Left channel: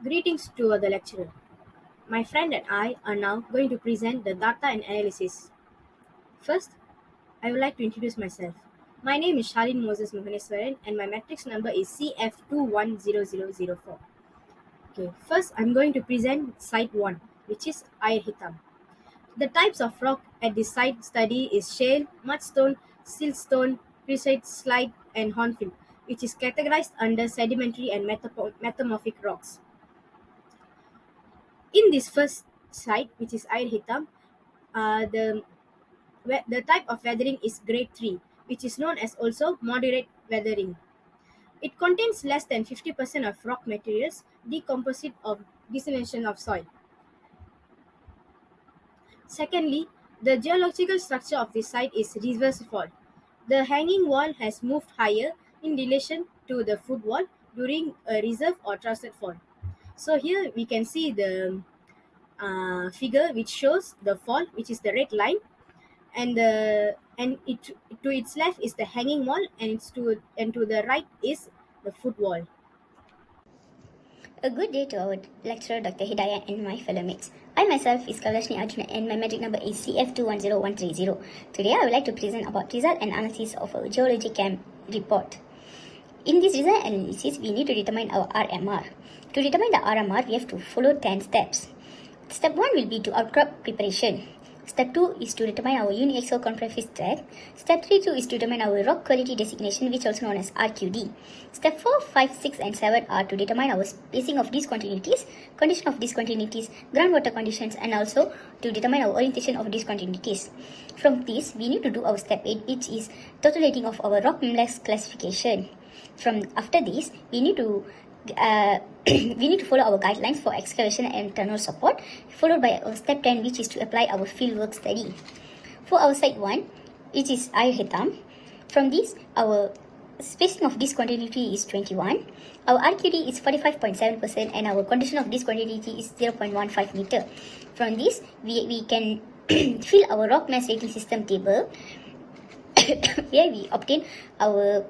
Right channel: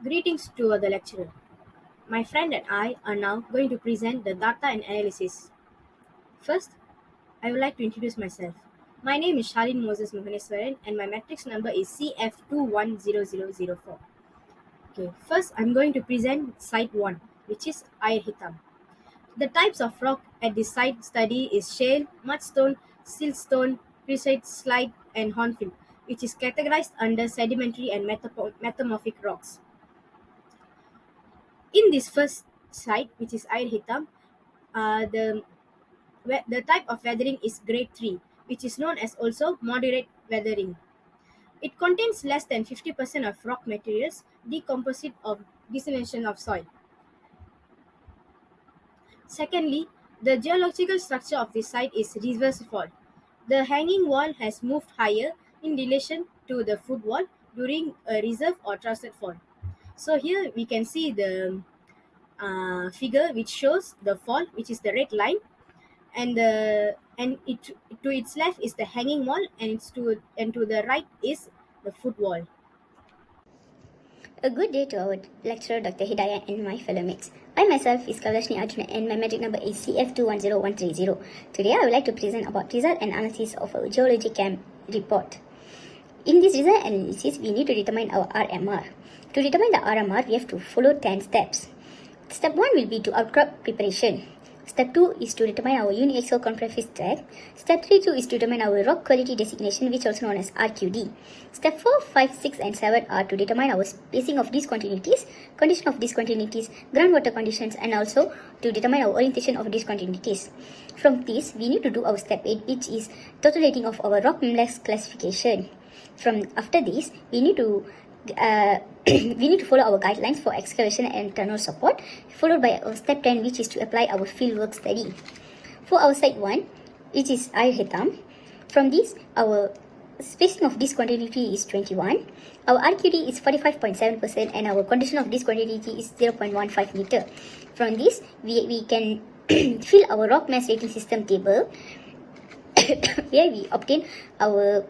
Greetings to the lecturer. My friend and I are now going to present the data and analysis. First, I would like to introduce myself. My name is Shalin Moses Mohaneswaran and my matrix number is CF210004. Okay, first I'm going to present site 1, which is Air Hitam. The types of rock at this site study is shale, mudstone, siltstone, precite slide, and hornfield, which is categorized under sedimentary and metamorphic rocks. In this first site, which is Air Hitam, the type of weathering is grade 3, which is known as also moderate weathering. It contains less than 50% of rock materials decomposite of dissolution of soil. Secondly, the geological structure of this site is reverse fault. The hanging wall has moved higher in relation to the foot wall during a reserve or trusted fault. So here we can see the figure which shows the fault, which is the red line, and it to its left is the hanging wall, and to the right is the foot wall. A good day to our lecturer Dr. Hidayat and my fellow mates. I myself is Kalashni Arjuna and my metric number is CF210130. Today I would like to present about result and analysis of our geology camp report. In this result analysis, we need to determine our RMR. To determine the RMR, we have to follow 10 steps. Step 1 will be to outcrop preparation. Step 2 is to determine our uniaxial convex tract. Step 3 is to determine our rock quality designation, which is also known as RQD. Step 4, 5, 6 and 7 are to determine our spacing of discontinuities, condition of discontinuities, groundwater conditions, and also to determine our orientation of discontinuities. From this, we need to do our step 8, which is total rating of our rock minerals classification. From after this, we need to follow our guidelines for excavation and tunnel support, followed by our step 10, which is to apply our fieldwork study. For our site 1, which is Air Hitam, from this, our spacing of discontinuity is 21, our RQD is 45.7%, and our condition of discontinuity is 0.15 meter. From this, we can fill our rock mass rating system table. Here we obtain our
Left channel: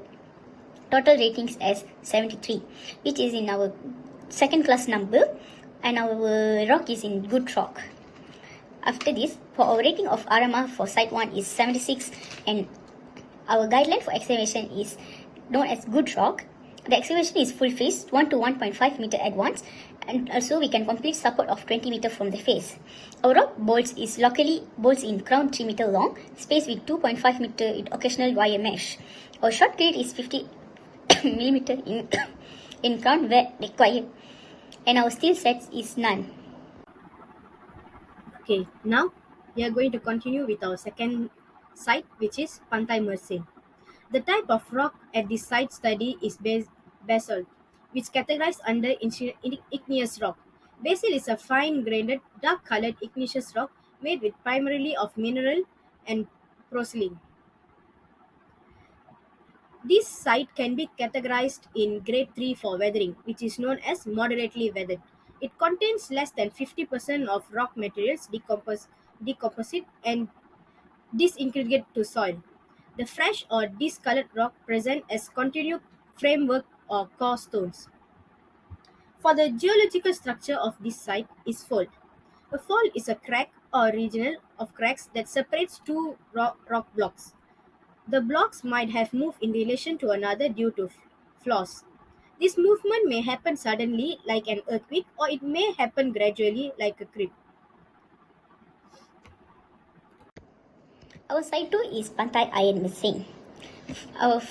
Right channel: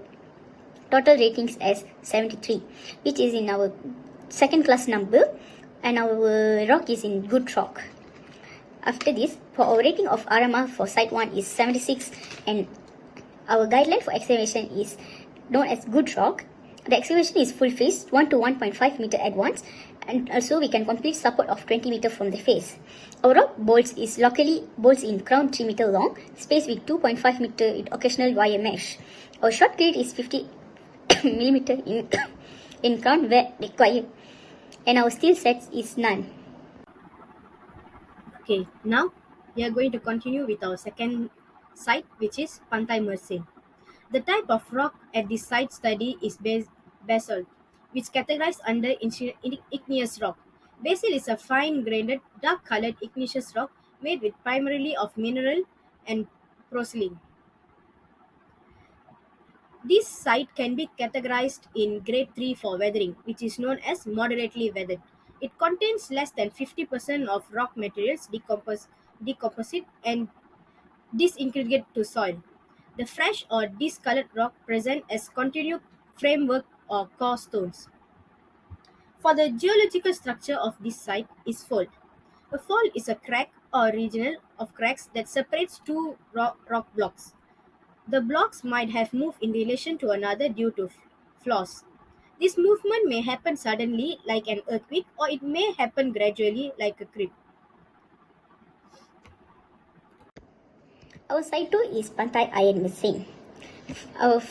total ratings as 73, which is in our second class number, and our rock is in good rock. After this, for our rating of RMR for site 1 is 76, and our guideline for excavation is known as good rock. The excavation is full face, 1 to 1.5 meter advance, and also we can complete support of 20 meter from the face. Our rock bolts is locally bolts in crown 3 meter long, spaced with 2.5 meter with occasional wire mesh. Our short grade is 50 millimeter in crown where required, and our steel sets is none. Okay, now we are going to continue with our second site, which is Pantai Mersing. The type of rock at this site study is basalt, which categorized under igneous rock. Basalt is a fine-grained, dark-colored igneous rock made with primarily of mineral and porcelain. This site can be categorized in grade 3 for weathering, which is known as moderately weathered. It contains less than 50% of rock materials decomposite and disintegrate to soil. The fresh or discolored rock present as continued framework or core stones. For the geological structure of this site is fault. A fault is a crack or regional of cracks that separates two rock blocks. The blocks might have moved in relation to another due to flaws. This movement may happen suddenly, like an earthquake, or it may happen gradually, like a creep. Our site 2 is Pantai Iron Missing.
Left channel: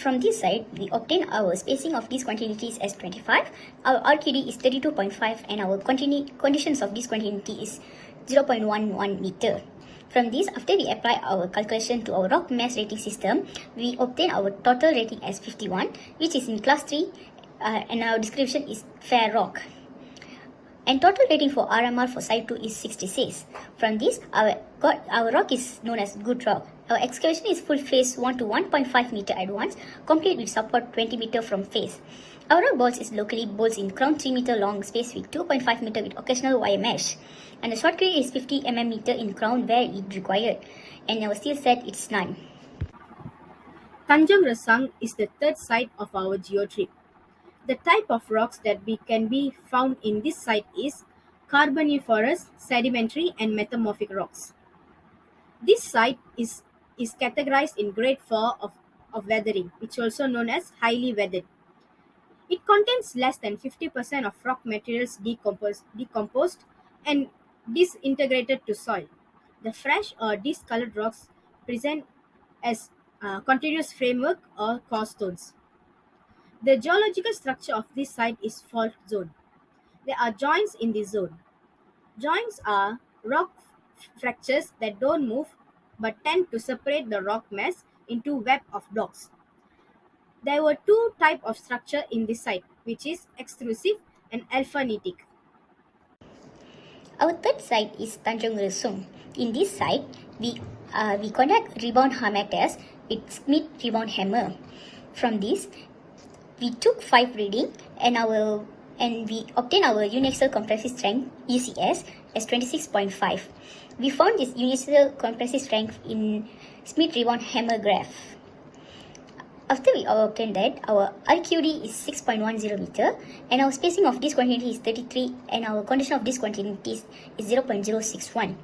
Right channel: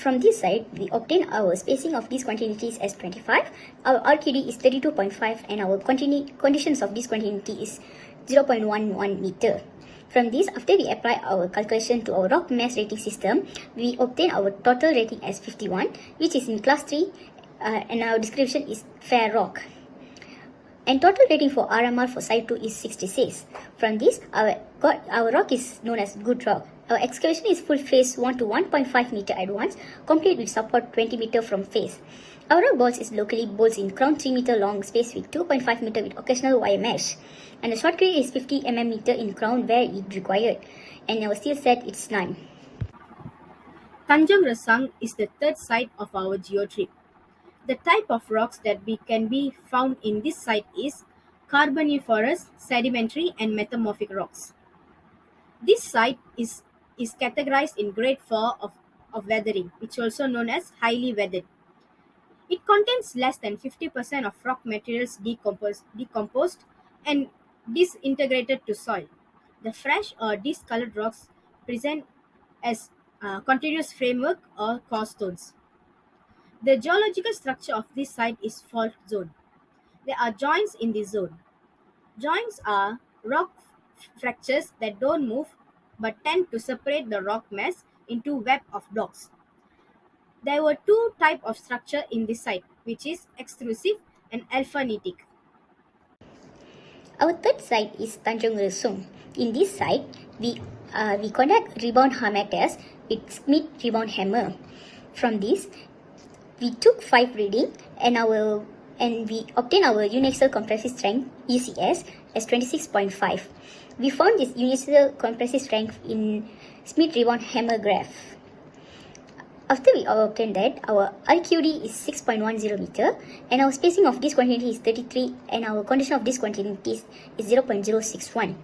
From this side, we obtain our spacing of discontinuities as 25, our RQD is 32.5, and our conditions of discontinuity is 0.11 meter. From this, after we apply our calculation to our rock mass rating system, we obtain our total rating as 51, which is in class 3, and our description is fair rock. And total rating for RMR for site 2 is 66. From this, our rock is known as good rock. Our excavation is full face 1 to 1.5 meter advance, complete with support 20 meter from face. Our rock bolts is locally bolts in crown 3 meter long, space with 2.5 meter with occasional wire mesh. And the short grade is 50 mm in crown where it required. And our steel set is none. Tanjung Resang is the third site of our geo trip. The type of rocks that can be found in this site is Carboniferous, sedimentary, and metamorphic rocks. This site is categorized in grade 4 of weathering, which is also known as highly weathered. It contains less than 50% of rock materials decomposed and disintegrated to soil. The fresh or discolored rocks present as continuous framework or core stones. The geological structure of this site is fault zone. There are joints in this zone. Joints are rock fractures that don't move but tend to separate the rock mass into web of blocks. There were two types of structure in this site, which is extrusive and alphanitic. Our third site is Tanjung Lesung. In this site, we conduct rebound hammer test with Smith rebound hammer. From this, we took 5 reading and we obtained our uniaxial compressive strength UCS as 26.5. We found this uniaxial compressive strength in Smith rebound hammer graph. After we obtained that, our RQD is 6.10 meter and our spacing of discontinuity is 33 and our condition of discontinuity is 0.061.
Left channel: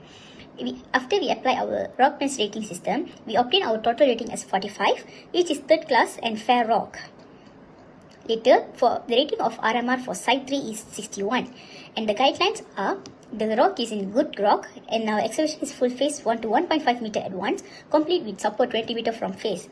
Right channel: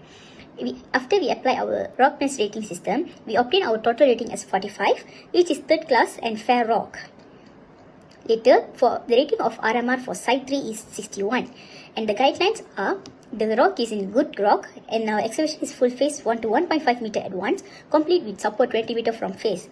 After we apply our rock mass rating system, we obtain our total rating as 45, which is third class and fair rock. Later, for the rating of RMR for site 3 is 61 and the guidelines are the rock is in good rock and our excavation is full face 1 to 1.5 meter at once, complete with support 20 meter from face.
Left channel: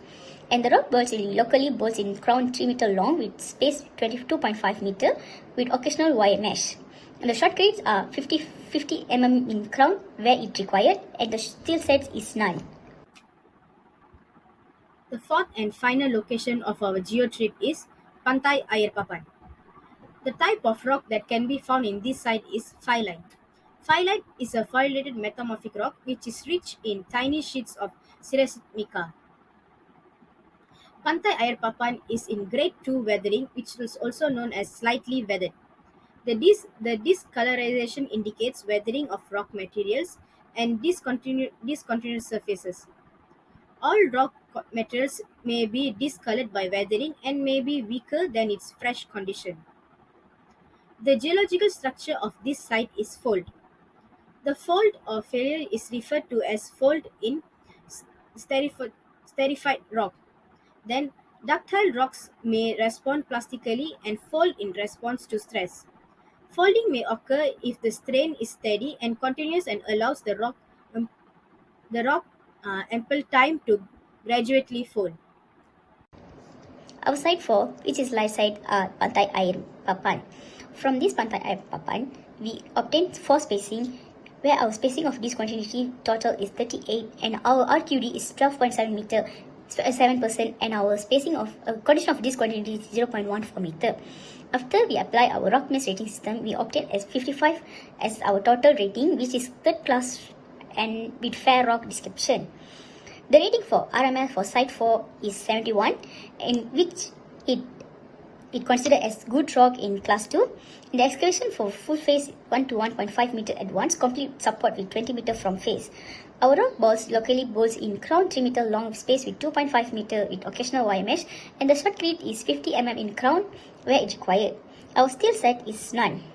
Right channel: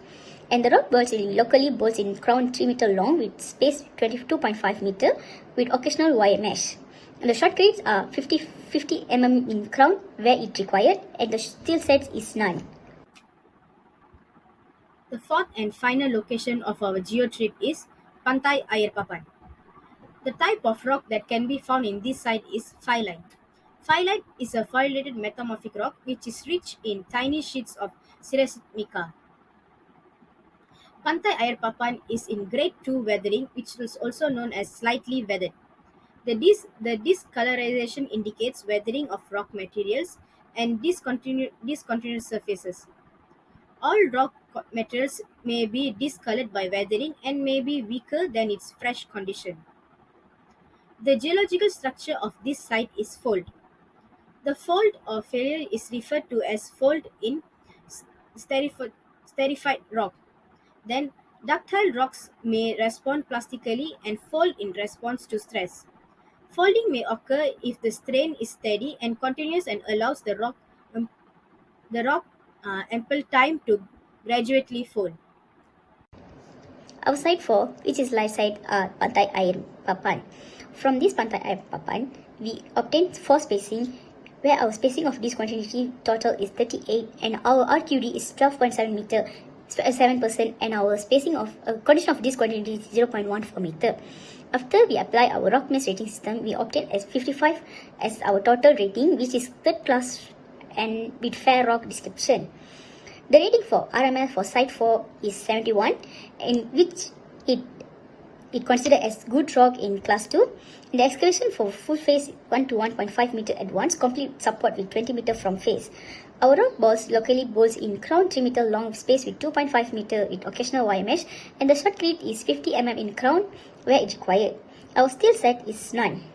And the rock bolts will be locally bolts in crown 3 meter long with space 22.5 meter with occasional wire mesh. And the short grades are 50 mm in crown where it required and the steel sets is none. The fourth and final location of our geo trip is Pantai Air Papan. The type of rock that can be found in this site is phyllite. Phyllite is a foliated metamorphic rock which is rich in tiny sheets of sericite mica. Pantai Air Papan is in grade 2 weathering, which is also known as slightly weathered. The discolorization indicates weathering of rock materials and discontinuous surfaces. All rock materials may be discolored by weathering and may be weaker than its fresh condition. The geological structure of this site is fold. The fold or failure is referred to as fold in sterified rock. Then, ductile rocks may respond plastically and fold in response to stress. Folding may occur if the strain is steady and continuous and allows the rock ample time to gradually fold. Our site 4, which is live site Pantai Air Papan. From this Pantai Air Papan, we obtained 4 spacing where our spacing of discontinuity total is 38 and our RQD is 12.7 meter 7% and our spacing of condition of discontinuity is 0.14 meter. After we apply our rock mass rating system, we obtain as 55 as our total rating, which is third class and with fair rock description. The rating for RML for site 4 is 71, in which it considered as good rock in class 2. The excavation for full face 1 to 1.5 meter at once, complete support with 20 meter from face. Our rock balls locally bolts in crown 3 meter long space with 2.5 meter with occasional wire mesh and the short grid is 50 mm in crown where it required. Our steel set is none.